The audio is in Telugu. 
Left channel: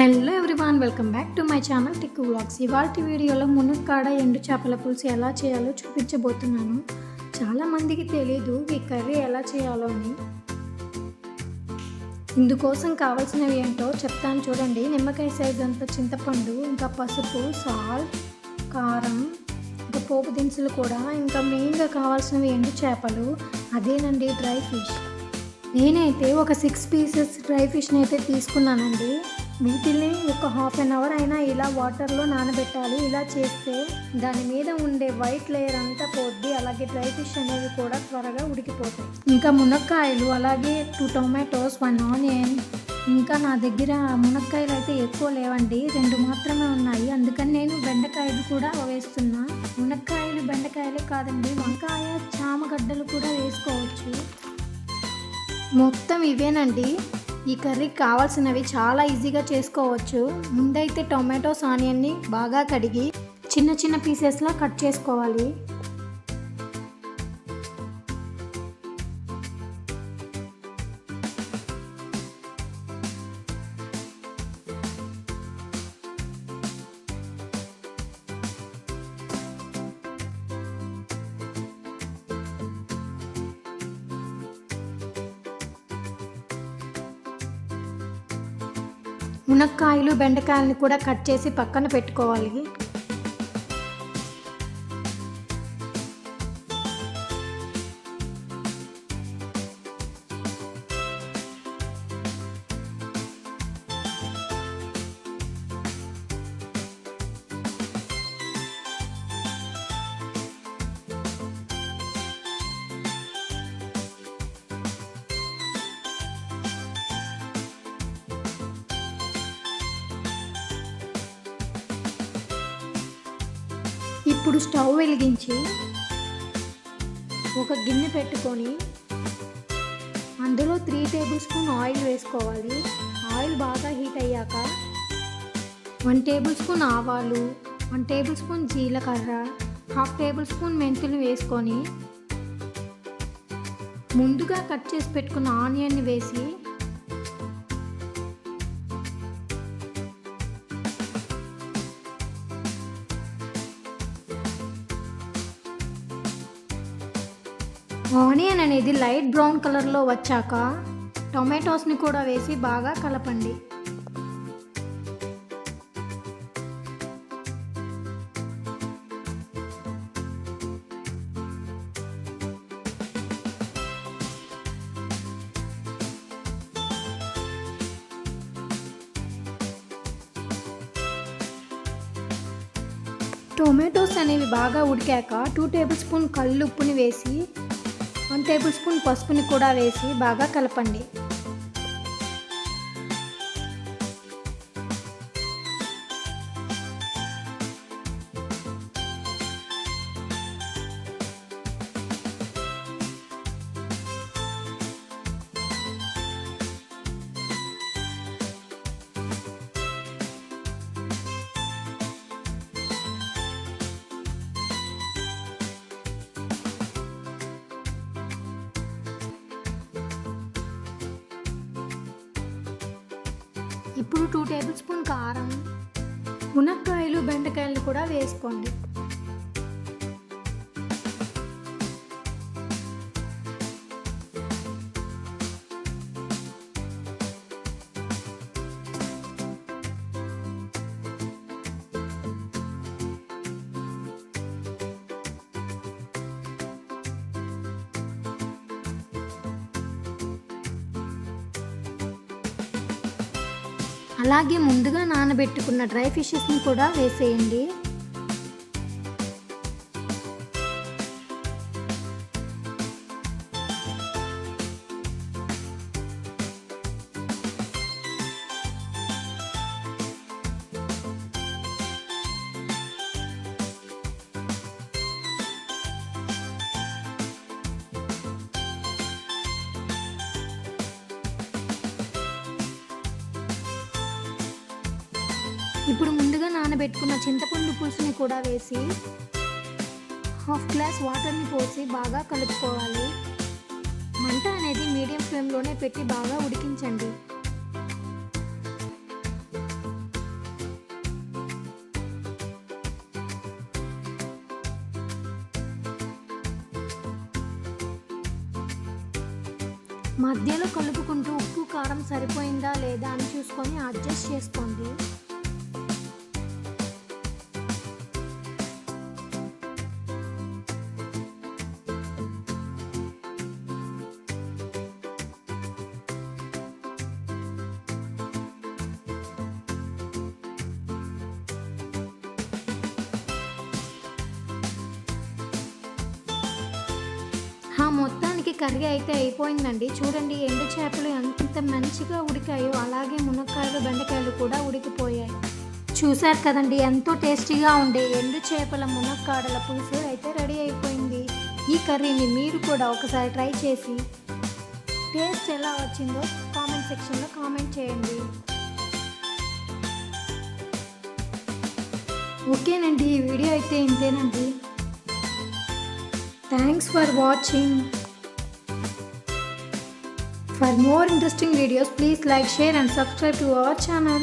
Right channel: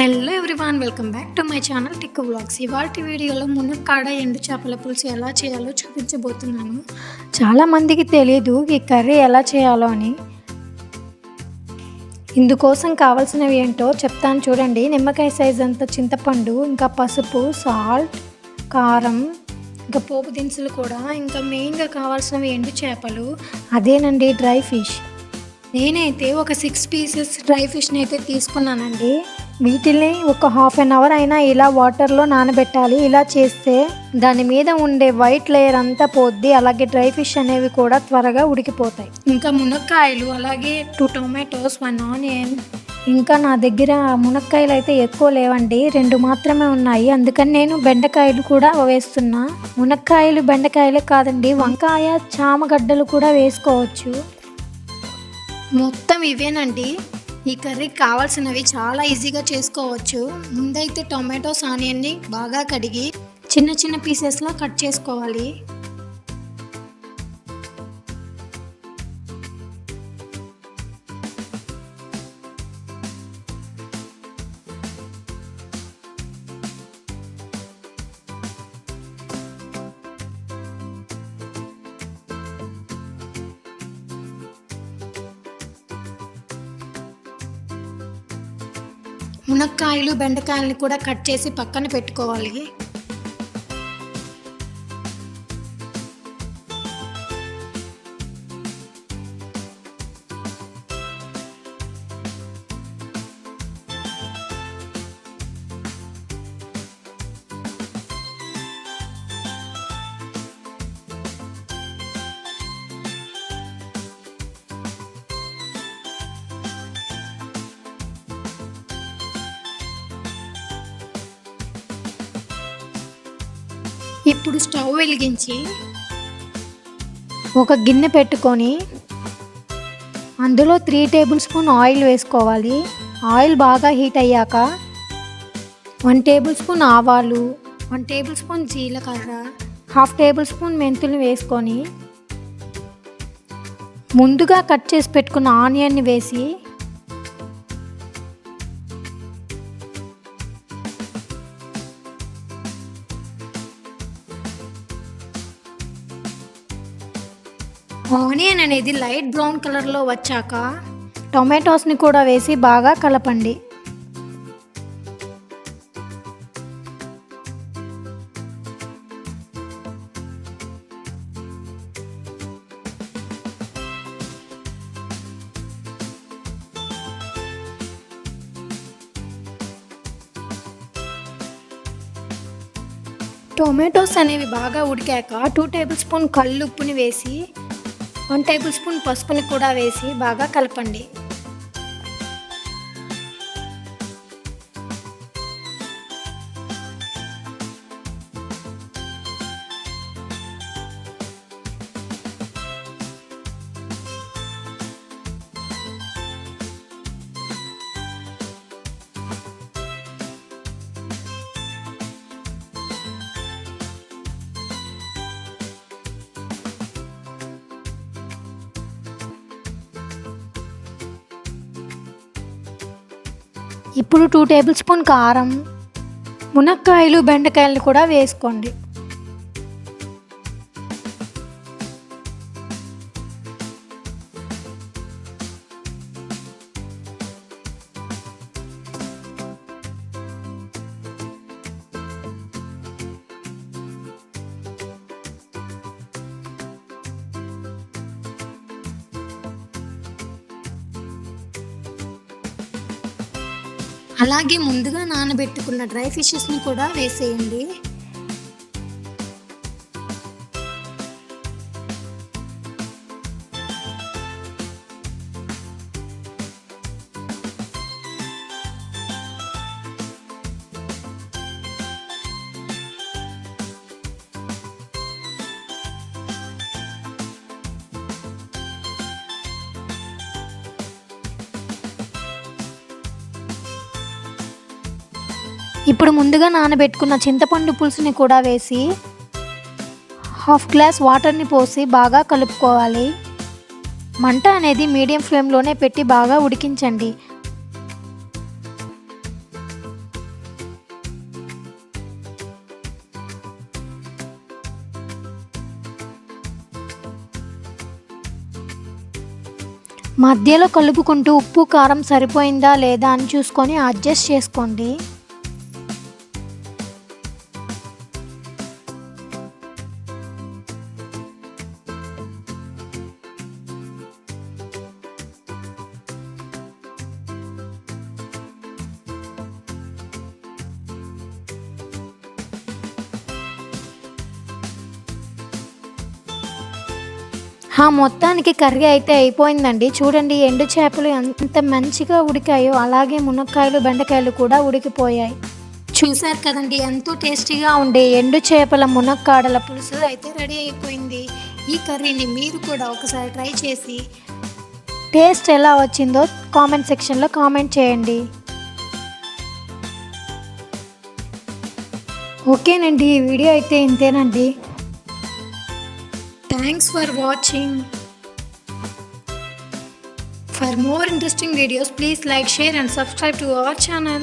Hello everyone, welcome back to my channel Tikku vlogs. ఇవాల్టి వీడియోలో మునక్కాడ ఎండు చేపల పులుసు ఎలా చేయాలో చూపించబోతున్నాను. చాలామందికి తెలియదు ఈ కర్రీ ఎలా చేయాలో అని. ఇందుకోసం కావాల్సినవి ఏంటో చెప్తాను చూడండి. నిమ్మకాయ సైజ్ అంత చింతపండు, ఇంకా పసుపు, సాల్ట్, కారం, ఇంకా పోపు దినుసులు కూడా, ఇంకా మెయిన్గా కావాల్సినవి ఎండు చేపలు, అదేనండి డ్రై ఫిష్. నేనైతే ఒక 6 పీసెస్ డ్రై ఫిష్ని అయితే తీసుకున్నానండి. వీటిని ఒక హాఫ్ అన్ అవర్ అయినా ఇలా వాటర్లో నానబెట్టాలి. ఇలా చేస్తే దాని మీద ఉండే వైట్ లేయర్ అంతా పోద్ది. అలాగే డ్రై ఫిష్ అనేవి కూడా త్వరగా ఉడికిపోతాయి. ఇంకా మునక్కాయలు, అలాగే 2 టొమాటోస్, 1 ఆనియన్. ఇంకా నా దగ్గర మునక్కాయలు అయితే ఎక్కువ లేవండి, 2 మాత్రమే ఉన్నాయి. అందుకని నేను బెండకాయలు కూడా వేస్తున్నా. మునక్కాయలు బెండకాయలే కాదండి, వంకాయ, చామగడ్డలు కూడా వేసుకోవచ్చు. మొత్తం ఇవేనండి. ఈ కర్రీకి కావాల్సినవి చాలా ఈజీగా చేసుకోవచ్చు. ముందైతే టొమాటోస్, ఆనియన్ని బాగా కడిగి చిన్న చిన్న పీసెస్లో కట్ చేసుకోవాలి. మునక్కాయలు, బెండకాయలని కూడా కట్ చేసి పక్కన పెట్టుకోవాలి. ఇప్పుడు స్టవ్ వెలిగించి ఒక గిన్నె పెట్టుకొని అందులో 3 టేబుల్ స్పూన్ ఆయిల్ వేసుకోవాలి. ఆయిల్ బాగా హీట్ అయ్యాక 1 టేబుల్ స్పూన్ ఆవాలు, 1 టేబుల్ స్పూన్ జీలకర్ర, 1/2 టేబుల్ స్పూన్ మెంతులు వేసుకొని ముందుగా కట్ చేసి పెట్టుకున్న ఆనియన్ని వేసి ఆనియన్ అనేది లైట్ బ్రౌన్ కలర్లో వచ్చాక టొమాటోస్ని కూడా వేసి బాగా కలపండి. టొమాటోస్ అనేవి బాగా ఉడికాక 2 టేబుల్ స్పూన్ కల్లుప్పుని వేసి 1 టేబుల్ స్పూన్ పసుపుని కూడా వేసి బాగా కలపండి. ఇప్పుడు 2 టేబుల్ స్పూన్ కారం, మునక్కాయలు, బెండకాయలు కూడా వేసుకోండి. అలాగే ముందుగా నానబెట్టుకున్న డ్రై ఫిషెస్ని కూడా వేసేయండి. ఇప్పుడు ముందుగా నానబెట్టుకున్న చింతపండు పులుసుని కూడా వేసి 1/2 గ్లాస్ వాటర్ని పోసి బాగా కలుపుకోవాలి. మంట అనేది మీడియం ఫ్లేమ్లోనే పెట్టి బాగా ఉడికించండి. మధ్యలో కలుపుకుంటూ ఉప్పు కారం సరిపోయిందా లేదా అని చూసుకొని అడ్జస్ట్ చేసుకోండి. మొత్తానికి కర్రీ అయితే అయిపోయిందండి. చూడండి ఎండు చేపలు ఎంత మంచిగా ఉడికాయో, అలాగే మునక్కాయలు బెండకాయలు కూడా ఉడికిపోయాయి. చూసారు కదండి, ఎంతో టేస్టీగా ఉండే ఎండు చేపల మునక్కాడల పులుసు అయితే రెడీ అయిపోయింది. ఈ కర్రీని మీరు కూడా ఒకసారి ట్రై చేసి టేస్ట్ ఎలా వచ్చిందో కామెంట్ సెక్షన్లో కామెంట్ చేయండి. ఓకేనండి, ఈ వీడియో అయితే ఇంతేనండి. Thanks for watching. For more interesting videos, please like, share and subscribe to our channel.